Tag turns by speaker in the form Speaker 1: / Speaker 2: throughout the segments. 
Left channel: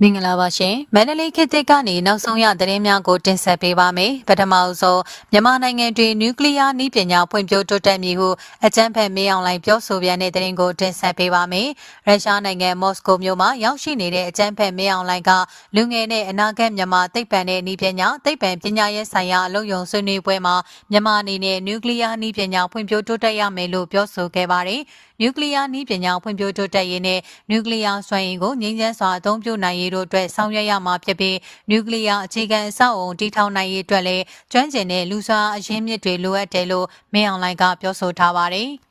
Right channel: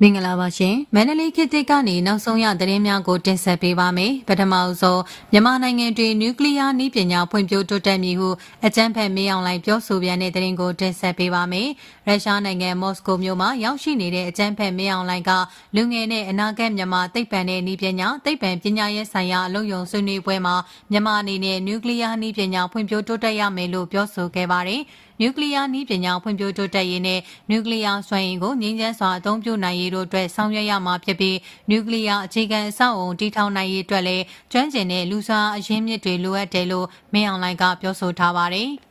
Speaker 1: မင်္ဂလာပါရှင်မန္တလေးခေတ်သစ်ကနေနောက်ဆုံးရသတင်းများကိုတင်ဆက်ပေးပါမယ်ပထမဆုံးမြန်မာနိုင်ငံတွင်နျူကလ িয়ার နည်းပညာဖွံ့ဖြိုးတိုးတက်မည်ဟုအကြမ်းဖက်မေးအောင်လိုက်ပြောဆိုပြန်တဲ့သတင်းကိုတင်ဆက်ပေးပါမယ်ရုရှားနိုင်ငံမော်စကိုမြို့မှာရောက်ရှိနေတဲ့အကြမ်းဖက်မေးအောင်လိုက်ကလူငယ်နဲ့အနာဂတ်မြန်မာသိပ္ပံနဲ့နည်းပညာသိပ္ပံပညာရေးဆိုင်ရာအလုပ်ရုံဆွေးနွေးပွဲမှာမြန်မာအနေနဲ့နျူကလ িয়ার နည်းပညာဖွံ့ဖြိုးတိုးတက်ရမယ်လို့ပြောဆိုခဲ့ပါတယ် နျူကလ িয়ার နည်းပညာဖွံ့ဖြိုးတိုးတက်ရေးနဲ့နျူကလ িয়ার စွမ်းရည်ကိုငြိမ်းချမ်းစွာအသုံးပြုနိုင်ရေးတို့အတွက်ဆောင်ရွက်ရမှာဖြစ်ပြီးနျူကလ িয়ার အခြေခံအဆောက်အုံတည်ထောင်နိုင်ရေးအတွက်လည်းကျွမ်းကျင်တဲ့လူစွမ်းအရင်းမြစ်တွေလိုအပ်တယ်လို့မင်းအောင်လှိုင်ကပြောဆိုထားပါတယ်။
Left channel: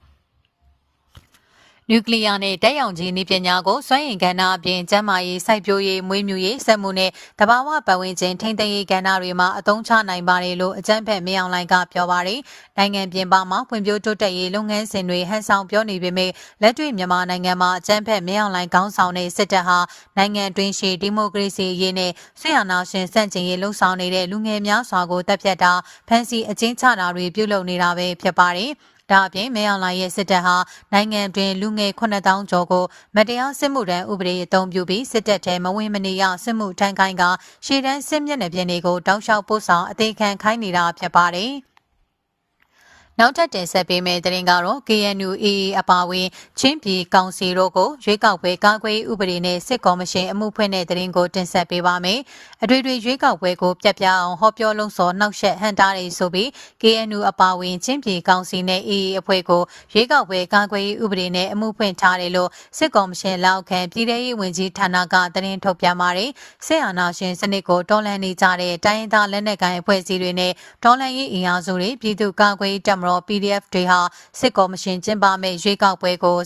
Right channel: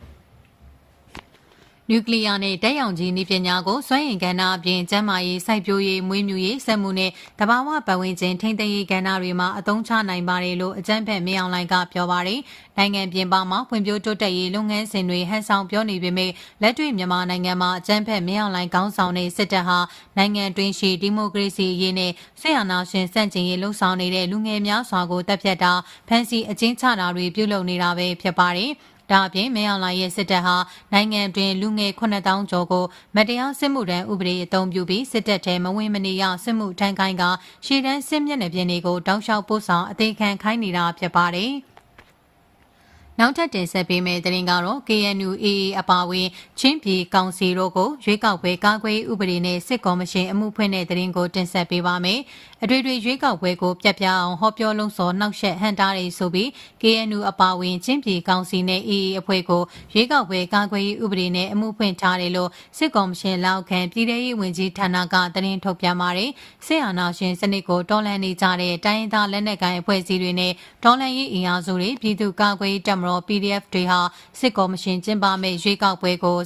Speaker 1: နျူကလ িয়ার နဲ့တက်ရောင်ကြီးနည်းပညာကိုစွမ်းအင်ကဏ္ဍအပြင်ကျန်းမာရေးစိုက်ပျိုးရေးမွေးမြူရေးစက်မှုနဲ့တဘာဝပတ်ဝန်းကျင်ထိန်းသိမ်းရေးကဏ္ဍတွေမှာအသုံးချနိုင်ပါတယ်လို့အကြံဖက်မင်းအောင်လှိုင်ကပြောပါတယ်။နိုင်ငံပြင်ပမှာဖွံ့ဖြိုးတိုးတက်ရေးလုပ်ငန်းစဉ်တွေဟန်ဆောင်ပြောနေပေမဲ့လက်တွေ့မြန်မာနိုင်ငံမှာအကြံဖက်မင်းအောင်လှိုင်ခေါင်းဆောင်တဲ့စစ်တပ်ဟာနိုင်ငံတွင်းရှိဒီမိုကရေစီရေးနဲ့ဆက်အာဏာရှင်စန့်ကျင်ရေးလှုံ့ဆော်နေတဲ့လူငယ်များစွာကိုတပ်ဖြတ်တာဖမ်းဆီးအကျဉ်းချတာတွေပြုလုပ်နေတာပဲဖြစ်ပါတယ်။ ဒါအပြင်မဲအောင်လာရဲ့စစ်တပ်ဟာနိုင်ငံတွင်လူငယ်9000ကျော်ကိုမတရားစစ်မှုထမ်းဥပဒေအသုံးပြုပြီးစစ်တပ်ထဲမဝင်မနေရစစ်မှုထမ်းခိုင်းကရှေ့တန်းစစ်မျက်နှာပြင်တွေကိုတောက်လျှောက်ပို့ဆောင်အသေးခံခိုင်းနေတာဖြစ်ပါတယ်။ နောက်ထပ်တင်ဆက်ပေးမယ့်သတင်းကတော့ KNU AA အပါအဝင်ချင်းပြည်ကောင်စီတို့ကိုရွေးကောက်ပွဲကာကွယ်ဥပဒေနဲ့စစ်ကော်မရှင်အမှုဖွင့်တဲ့သတင်းကိုတင်ဆက်ပေးပါမယ်။အတွေ့အတွေ့ရွေးကောက်ပွဲကိုပြတ်ပြအောင်ဟောပြောလုံးစော်နှောက်ယှက်ဟန်တာတွေဆိုပြီး KNU အပါအဝင်ချင်းပြည်ကောင်စီနဲ့ AA အဖွဲ့ကိုရွေးကောက်ပွဲကာကွယ်ဥပဒေနဲ့အမှုဖွင့်ထားတယ်လို့စစ်ကော်မရှင်လက်အောက်ခံပြည်ထရေးဝန်ကြီးဌာနကသတင်းထုတ်ပြန်ပါတယ်။စစ်အာဏာရှင်စနစ်ကိုတော်လှန်နေကြတဲ့တိုင်းရင်းသားလက်နက်ကိုင်အဖွဲ့အစည်းတွေနဲ့တော်လှန်ရေးအင်အားစုတွေပြည်သူ့ကာကွယ်တပ်မတော် PDF တွေဟာစစ်ကော်မရှင်ကျင်းပမဲ့ရွေးကောက်ပွဲကို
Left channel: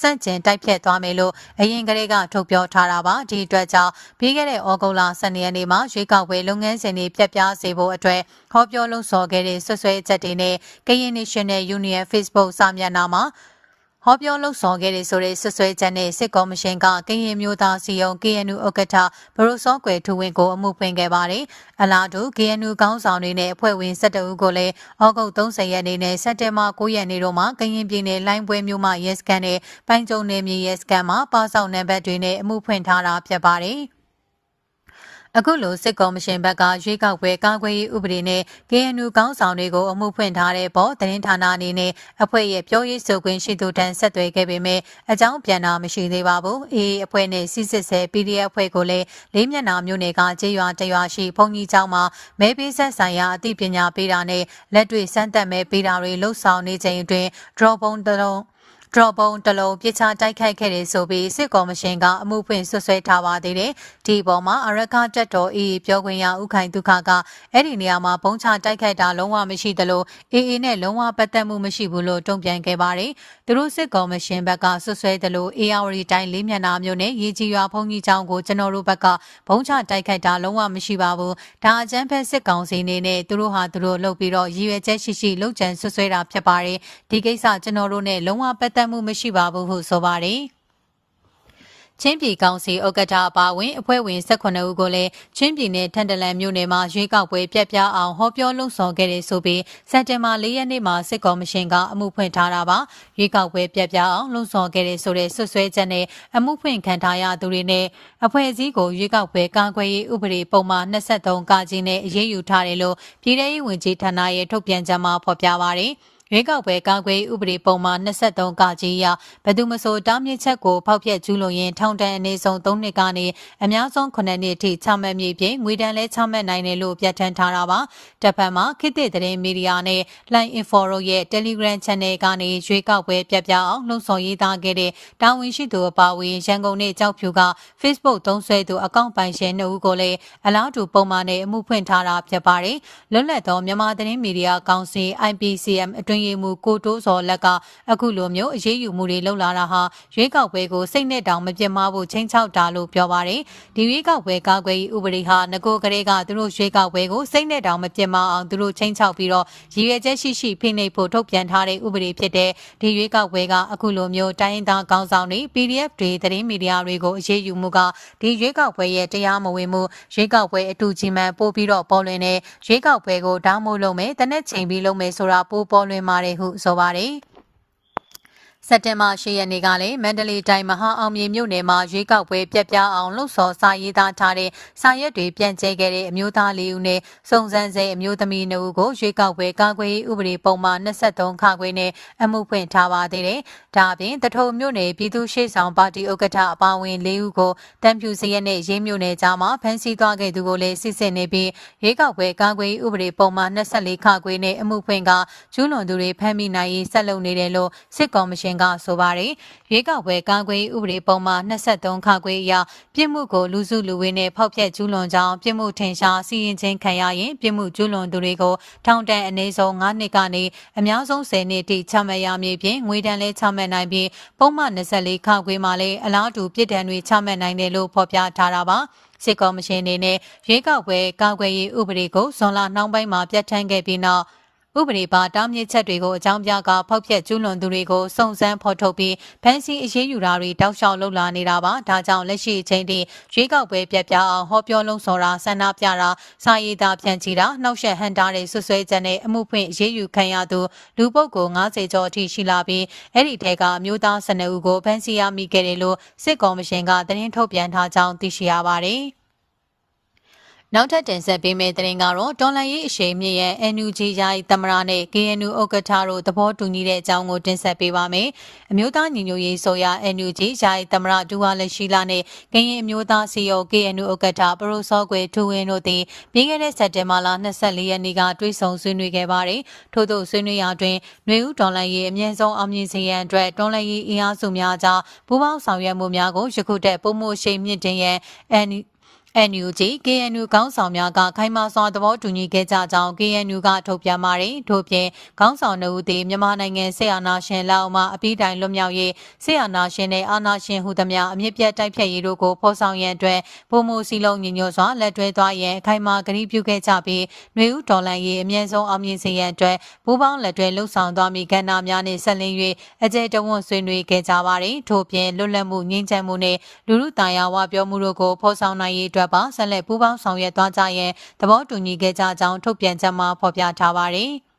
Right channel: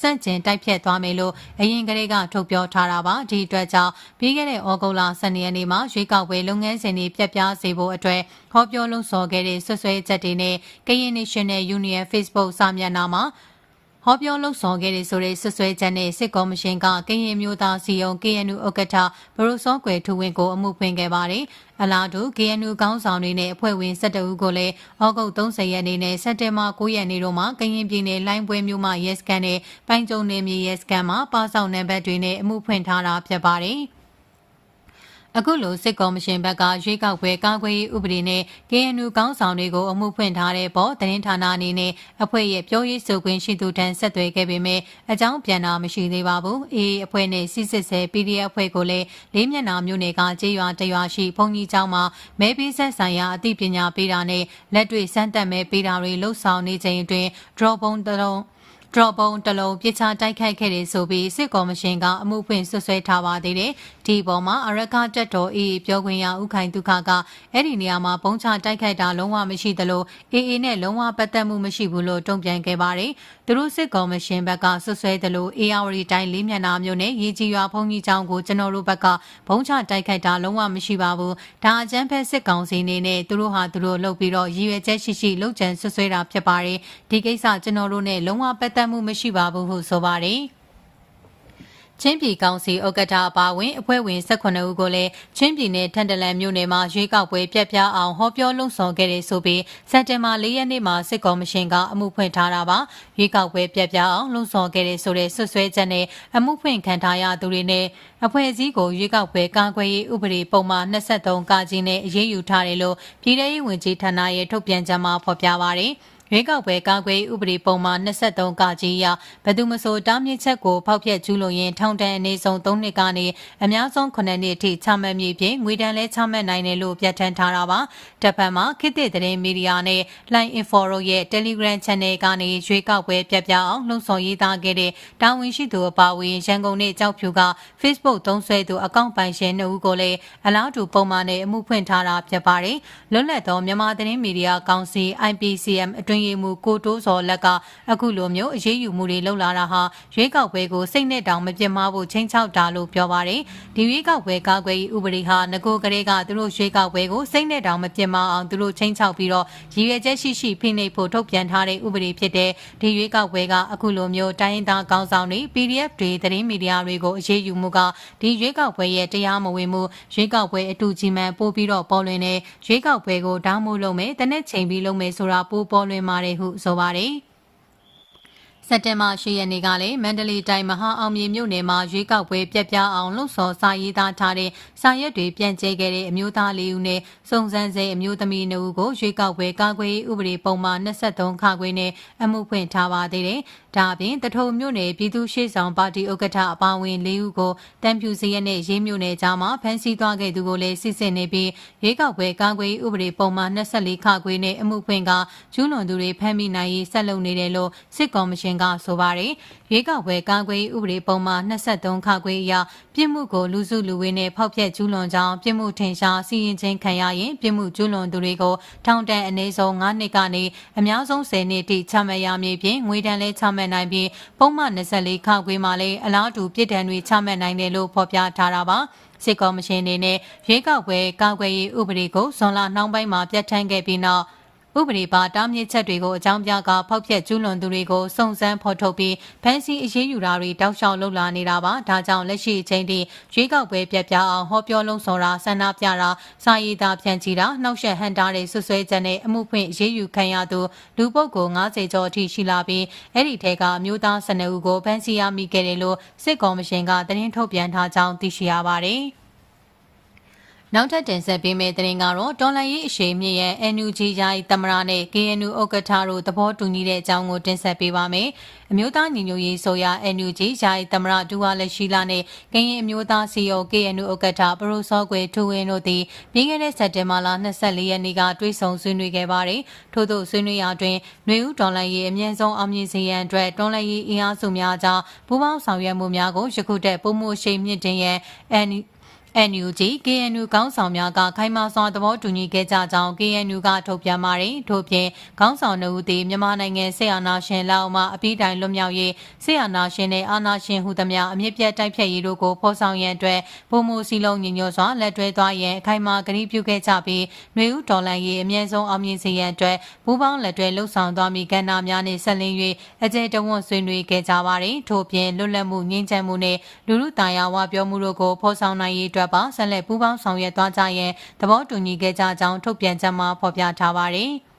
Speaker 1: စန့်ကျင်တိုက်ဖြတ်သွားမယ်လို့အရင်ကတည်းကထုတ်ပြောထားတာပါဒီအတွက်ကြောင့်ပြီးခဲ့တဲ့ဩဂုတ်လ12ရက်နေ့မှာရွေးကောက်ပွဲလုပ်ငန်းစဉ်တွေပြတ်ပြားစေဖို့အတွက်ဟောပြောလုံးစော်ခဲ့တဲ့ဆွဆွဲချက်တွေနဲ့ကရင် National Union Facebook စာမျက်နှာမှာ ဟောပြောလှုပ်ဆောင်ခဲ့တဲ့ဆိုတဲ့ဆွဆွဲချက်နဲ့စစ်ကော်မရှင်ကကရင်မျိုးသားစီယုံ KNU ဥက္ကဋ္ဌဘရိုစောကွယ်ထူဝင်းကိုအမှုဖွင့်ခဲ့ပါတယ်။အလားတူ KNU ကောင်းဆောင်တွေနဲ့အဖွဲ့ဝင်17ဦးကိုလည်းဩဂုတ်30ရက်နေ့နဲ့စက်တင်ဘာ9ရက်နေ့တို့မှာကရင်ပြည်နယ်လိုင်းပွဲမြို့မှာရဲစခန်းနဲ့ပိုင်းကျုံနယ်မြေရဲစခန်းမှာပါဆောင်နံပါတ်တွေနဲ့အမှုဖွင့်ထားတာဖြစ်ပါတယ်။ အခုလိုစစ်ကော်မရှင်ဘက်ကရွေးကောက်ပွဲကာကွယ်ရေးဥပဒေနဲ့ KNU ကောင်းဆောင်တွေကိုအမှုဖွင့်ထားတဲ့ပေါ်သတင်းဌာနအနေနဲ့အဖွဲ့ရဲ့ပြောရေးဆိုခွင့်ရှိသူတန်းဆက်သွယ်ခဲ့ပေမဲ့အကြောင်းပြန်တာမရှိသေးပါဘူး။အေးအဖွဲ့နဲ့စီစစ်ဆဲ PDF အဖွဲ့ကိုလည်းလေးမျက်နှာမျိုးနယ်ကကြေးရွာတရွာရှိဘုံကြီးကျောင်းမှာမဲပေးဆက်ဆိုင်ရာအသိပညာပေးတာနဲ့လက်တွေ့စမ်းသပ်မဲပေးတာတွေလှုပ်ဆောင်နေချိန်အတွင်း draw ပုံတလုံး ဒရော့ပုံတလုံးပြစ်ချတိုက်ခိုက်ခဲ့တယ်ဆိုပြီးစစ်ကော်မရှင်ကအမှုဖွင့်ဆွဆွဲထားပါသေးတယ်။ဒီပေါ်မှာအရကတက်တော်အေးပြောခွင့်ရဥခိုင်ဒုက္ခကအဲ့ဒီနေရာမှာပုံချတိုက်ခိုက်တာလုံးဝမရှိသလိုအေးအေးနဲ့လုံးဝပတ်သက်မှုမရှိဘူးလို့တုံ့ပြန်ခဲ့ပါတယ်။ သူတို့စစ်ကော်မရှင်ဘက်ကဆွဆွဲသလိုအေယာဝတီတိုင်းလေးမျက်နှာမျိုးနဲ့ရေကြီးရွာဖုန်ကြီးချောင်းကိုကျွန်တော်တို့ဘက်ကဘုံချတိုက်ခိုက်တာလုံးဝမရှိပါဘူး။ဒါအကြမ်းဖက်စစ်ကောင်စီနေနဲ့သူတို့ဟာသူတို့လုပ်ပြီးတော့ရည်ရွယ်ချက်ရှိရှိလုပ်ကြံဆွဆွဲတာဖြစ်ပါတယ်။ဒီကိစ္စကျွန်တော်တို့နဲ့လုံးဝပတ်သက်မှုမရှိပါဘူးဟုဆိုပါတယ်။ ချင်းပြည်ကောင်စီဥက္ကဋ္ဌအပါအဝင်အဖွဲ့ဝင်18ဦးကိုလည်းချင်းပြည်နယ်ထန်တလန်မြို့နယ်မှာရွေးကောက်ပွဲပြက်ပြားအောင်ဟောပြောလုံဆောင်ခဲ့တယ်ဆိုပြီးစက်တင်ဘာ၄ရက်နေ့မှာစစ်ကော်မရှင်ကအမှုဖွင့်ထားတာပါရွေးကောက်ပွဲပြက်ပြားအောင်လုံဆောင်ခဲ့တယ်ဆိုတဲ့ဆွဆွဲချက်နဲ့အမှုဖွင့်ခံထားရသူတွေနဲ့အဖွဲ့အစည်းကိုရွေးကောက်ပွဲကာကွယ်ရေးဥပဒေပုံမှန်23ကကြီးနဲ့အရေးယူထားတယ်လို့ပြည်ထောင်ရေးဝန်ကြီးဌာနရဲ့ထုတ်ပြန်ချက်မှာဖော်ပြပါရယ်။ ရွေးကောက်ပွဲကာကွယ်ဥပဒေပုံမှန်23ကကြီးအရဘယ်သူမဆိုတားမြစ်ချက်ကိုဖောက်ဖျက်ကျူးလွန်ရင်ထောင်ဒဏ်အနည်းဆုံး3နှစ်ကနေအများဆုံး9နှစ်အထိချမှတ်မည်ဖြင့်ငွေဒဏ်လည်းချမှတ်နိုင်တယ်လို့ပြဋ္ဌာန်းထားတာပါ။တပ်ဖက်မှာခေတ်သစ်သတင်းမီဒီယာနဲ့ Line Info ရဲ့ Telegram Channel ကနေရွေးကောက်ပွဲပြပြအောင်လှုံ့ဆော်ရေးသားခဲ့တဲ့တာဝန်ရှိသူအပါအဝင်ရန်ကုန်နဲ့ကြောက်ဖြူက Facebook သုံးစွဲသူအကောင့်ပိုင်ရှင်2ဦးကိုလည်းအလားတူပုံမှန်နဲ့အမှုဖွင့်ထားတာဖြစ်ပါတယ်။လွတ်လပ်သောမြန်မာသတင်းမီဒီယာကောင်စီ IPCM အတွင်းရင်ရေးမှုကိုတိုးစော်လက်ကအခုလိုမျိုးအရေးယူမှုတွေလှုပ်လာတာဟာရွေးကောက်ပွဲကိုစိတ်နဲ့တောင်မပြတ်မဖို့ချိန်ချောက်တာလို့ပြောပါတယ်ဒီရွေးကောက်ပွဲကာကွယ်ရေးဥပဒေဟာငကိုကလေးကသူတို့ရွေးကောက်ပွဲကိုစိတ်နဲ့တောင်မပြတ်မအောင်သူတို့ချိန်ချောက်ပြီးတော့ရည်ရွယ်ချက်ရှိရှိဖိနှိပ်ဖို့ထုတ်ပြန်ထားတဲ့ဥပဒေဖြစ်တဲ့ဒီရွေးကောက်ပွဲကအခုလိုမျိုးတိုင်းရင်းသားကောင်းဆောင်တွေ PDF တွေသတင်းမီဒီယာတွေကိုအရေးယူမှုကဒီရွေးကောက်ပွဲရဲ့တရားမဝင်မှုရွေးကောက်ပွဲအတူကြီးမှန်ပို့ပြီးတော့ပေါ်လွင်တဲ့ရွေးကောက်ပွဲကိုဓာတ်မို့လုပ်မယ်တနက်ချိန်ပြီးလုပ်မယ်ဆိုတာပိုးပေါ်လွင်ပါတယ်ဟုဆိုပါတယ် စက်တင်ဘာ10ရက်နေ့ကလည်းမန္တလေးတိုင်းမဟာအောင်မြေမြို့နယ်မှာရွေးကောက်ပွဲပြက်ပြားအောင်လှုပ်ဆော်စာရေးသားထားတဲ့စာရွက်တွေပြန့်ကျဲခဲ့တဲ့အမျိုးသားလေးဦးနဲ့စုံစမ်းစေအမျိုးသမီးနှစ်ဦးကိုရွေးကောက်ပွဲကာကွယ်ရေးဥပဒေပုံမှန်23ခါခွေနဲ့အမှုဖွင့်ထားပါသေးတယ်။ဒါအပြင်တထုံမြို့နယ်ပြည်သူ့ရှေ့ဆောင်ပါတီဥက္ကဋ္ဌအပါအဝင်၄ဦးကိုတံပြူစရက်နဲ့ရေးမြို့နယ်ကြားမှာဖမ်းဆီးသွားခဲ့သူကိုလည်းစစ်စစ်နေပြီးရွေးကောက်ပွဲကာကွယ်ရေးဥပဒေပုံမှန်24ခါခွေနဲ့အမှုဖွင့်ကကျူးလွန်သူတွေဖမ်းမိနိုင်ရေးဆက်လုပ်နေတယ်လို့စစ်ကော်မရှင်ကဆိုပါတယ်။ရွေးကောက်ပွဲကာကွယ်ရေးဥပဒေပုံမှန်23ခါခွေအရပြစ်မှုကိုလူစုလူဝေးနဲ့ဖောက်ဖျက်ကျူးလွန်ကြောင်းပြစ်မှုထင်ရှားစီရင်ခြင်းခံရရင်ပြစ်မှုကျူးလွန်သူတွေကိုထောင်ဒဏ်အနည်းဆုံး9နှစ်ကနေအများဆုံး10နှစ်ထိချမှတ်ရမည်ဖြင့်ငွေဒဏ်လည်းချမှတ်နိုင်ပြီးပုံမှန်24ခါခွေမှာလည်းအလားတူပြစ်ဒဏ်တွေချမှတ်နိုင်တယ်လို့ဖော်ပြထားတာပါ။စစ်ကော်မရှင်အနေနဲ့ရွေးကောက်ပွဲကာကွယ်ရေးဥပဒေကိုဇွန်လနှောင်းပိုင်းမှာပြဋ္ဌာန်းခဲ့ပြီးနောက် ဥပဒေပါတားမြစ်ချက်တွေကိုအကြောင်းပြကဖောက်ဖျက်ကျူးလွန်သူတွေကိုစုံစမ်းဖော်ထုတ်ပြီးဖမ်းဆီးအရေးယူတာတွေတောက်လျှောက်လုပ်လာနေတာပါဒါကြောင့်လက်ရှိအချိန်ထိရွေးကောက်ပွဲပြက်ပြအောင်ဟောပြောလုံးစော်တာဆန္ဒပြတာစာရေးသားဖြန့်ချီတာနှောက်ယှက်ဟန်တာတဲ့ဆွဆွဲချက်နဲ့အမှုဖွင့်အရေးယူခံရသူလူပုဂ္ဂိုလ်90ကျော်အထိရှိလာပြီးအဲ့ဒီထဲကအမျိုးသား12ဦးကိုဖမ်းဆီးရမိခဲ့တယ်လို့စစ်ကော်မရှင်ကသတင်းထုတ်ပြန်ထားကြောင်းသိရှိရပါတယ် နောက်ထပ်တင်ဆက်ပေးမယ့်သတင်းကတော့တော်လန်ရေးအရှိန်မြင့်ရဲ့ NUG ယာယီသမရနဲ့ KNU ဥက္ကဋ္ဌတို့သဘောတူညီတဲ့အကြောင်းကိုတင်ဆက်ပေးပါမယ်။အမျိုးသားညီညွတ်ရေးဆိုရ NUG ယာယီသမရဒူဝါလက်ရှိလာနဲ့ကရင်အမျိုးသားစီယို KNU ဥက္ကဋ္ဌပရိုစောကွယ်ထူဝင်းတို့သည်ပြီးခဲ့တဲ့စက်တင်ဘာလ24ရက်နေ့ကတွေ့ဆုံဆွေးနွေးခဲ့ပါတယ်။ထို့သောဆွေးနွေးရာတွင်ຫນွေဦးတော်လန်ရေးအမြင့်ဆုံးအောင်မြင်စေရန်အတွက်တော်လန်ရေးအင်အားစုများကြားပူးပေါင်းဆောင်ရွက်မှုများကိုယခုတည်းပုံမှုရှိန်မြင့်တင်ရန် NUG NUG KNU ကောင်းဆောင်များကခိုင်မာစွာသဘောတူညီခဲ့ကြကြောင်း KNU ကထုတ်ပြန်ပါတယ်။ထို့ပြင်ကောင်းဆောင်တို့သည်မြန်မာနိုင်ငံဆေးအာနာရှင်လက်အောက်မှအပိတိုင်လွတ်မြောက်ရေးဆေးအာနာရှင်နဲ့အာနာရှင်ဟုသမျှအမြင့်ပြတ်တိုက်ဖြတ်ရေးတို့ကိုဖော်ဆောင်ရန်အတွက်ဗိုလ်မှူးစီလုံးညီညွတ်စွာလက်တွဲသွားရန်အခိုင်အမာကတိပြုခဲ့ကြပြီးຫນွေဦးဒေါ်လန်ရေးအမြင့်ဆုံးအောင်မြင်စေရန်အတွက်ဘူပေါင်းလက်တွဲလှုပ်ဆောင်သွားမည့်ကဏ္ဍများနှင့်ဆက်လင်း၍အကြိမ်တဝွန့်ဆွေးနွေးခဲ့ကြပါတယ်။ထို့ပြင်လွတ်လပ်မှုငြိမ်းချမ်းမှုနှင့်လူလူတာယာဝပြောမှုတို့ကိုဖော်ဆောင်နိုင်ရေးအတွက်ပါဆက်လက်ပူးပေါင်းဆောင်ရွက်သွားကြရန်သဘောတူညီခဲ့ကြကြောင်းထုတ်ပြန်ချက်မှာဖော်ပြထားပါတယ်။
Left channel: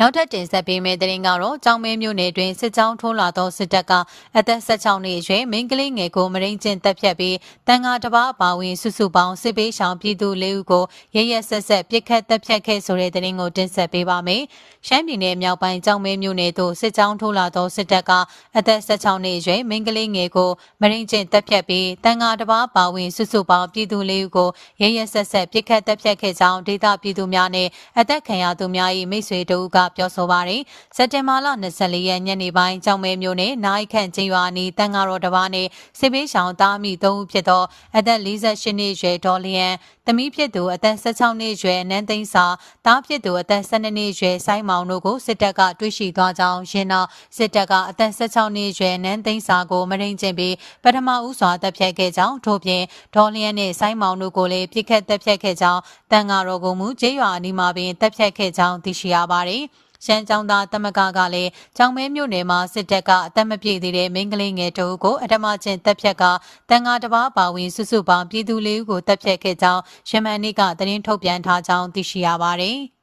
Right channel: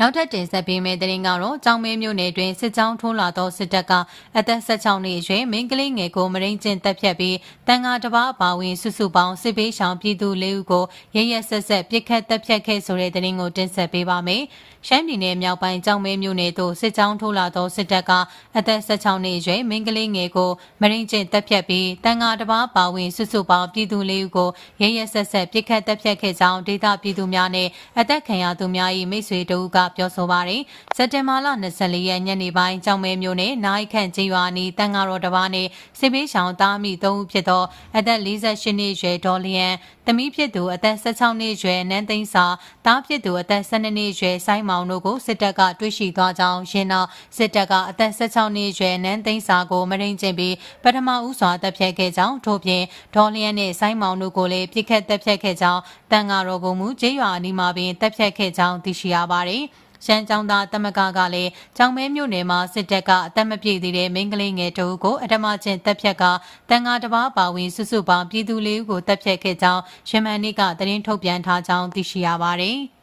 Speaker 1: နောက်ထပ်တင်ဆက်ပေးမယ့်သတင်းကတော့ကြောင်မဲမြို့နယ်တွင်စစ်ကြောင်းထိုးလာသောစစ်တပ်ကအသက်16နှစ်အရွယ်မိန်းကလေးငယ်ကိုမရင်းကျင်တပ်ဖြတ်ပြီးတန်ဃာတစ်ပါးအပါဝင်စုစုပေါင်းစစ်ပေးဆောင်ပြည်သူ၄ဦးကိုရရဆက်ဆက်ပြစ်ခတ်တပ်ဖြတ်ခဲ့ဆိုတဲ့သတင်းကိုတင်ဆက်ပေးပါမယ်။ရှမ်းပြည်နယ်မြောက်ပိုင်းကြောင်မဲမြို့နယ်သို့စစ်ကြောင်းထိုးလာသောစစ်တပ်ကအသက်16နှစ်အရွယ်မိန်းကလေးငယ်ကိုမရင်းကျင်တပ်ဖြတ်ပြီးတန်ဃာတစ်ပါးပါဝင်စုစုပေါင်းပြည်သူ၄ဦးကိုရရဆက်ဆက်ပြစ်ခတ်တပ်ဖြတ်ခဲ့ကြောင်းဒေသပြည်သူများနဲ့အသက်ခံရသူများ၏မိတ်ဆွေတို့ကပြောဆိုပါတယ်။စက်တင်ဘာလ24ရက်ညနေပိုင်းကြောင်မဲမြို့နယ်နိုင်ခန့်ချင်းရွာနီတန်ဃာတော်တစ်ပါးနဲ့စစ်ပေးဆောင်သားမိ၃ဦးဖြစ်သောအသက်48နှစ်အရွယ်ဒေါ်လျန် သမီးဖြစ်သူအသက်16နှစ်အရွယ်နန်းသိန်းစာသားဖြစ်သူအသက်12နှစ်အရွယ်ဆိုင်းမောင်တို့ကိုစစ်တပ်ကတွေ့ရှိသွားကြောင်းရင်းနောက်စစ်တပ်ကအသက်16နှစ်အရွယ်နန်းသိန်းစာကိုမရင်းကျင်ပြီးပထမဦးစွာတပ်ဖြတ်ခဲ့ကြောင်းထို့ပြင်ဒေါ်လျန်နဲ့ဆိုင်းမောင်တို့ကိုလည်းပြစ်ခတ်တပ်ဖြတ်ခဲ့ကြောင်းတန်ဃာတော်ကမူကျေးရွာအနီးမှာပင်တပ်ဖြတ်ခဲ့ကြောင်းသိရှိရပါတယ်။ ရှမ်းကျောင်းသားတမကကလည်းကျောင်းမဲမြို့နယ်မှာစစ်တပ်ကအသက်မပြည့်သေးတဲ့မိန်းကလေးငယ်တို့ကိုအထမချင်းတပ်ဖြတ်ကတန်ဃာတစ်ပါးပါဝင်စုစုပေါင်းပြည်သူလေးဦးကိုတပ်ဖြတ်ခဲ့ကြောင်းရမန်နေ့ကသတင်းထုတ်ပြန်ထားကြောင်းသိရှိရပါတယ်။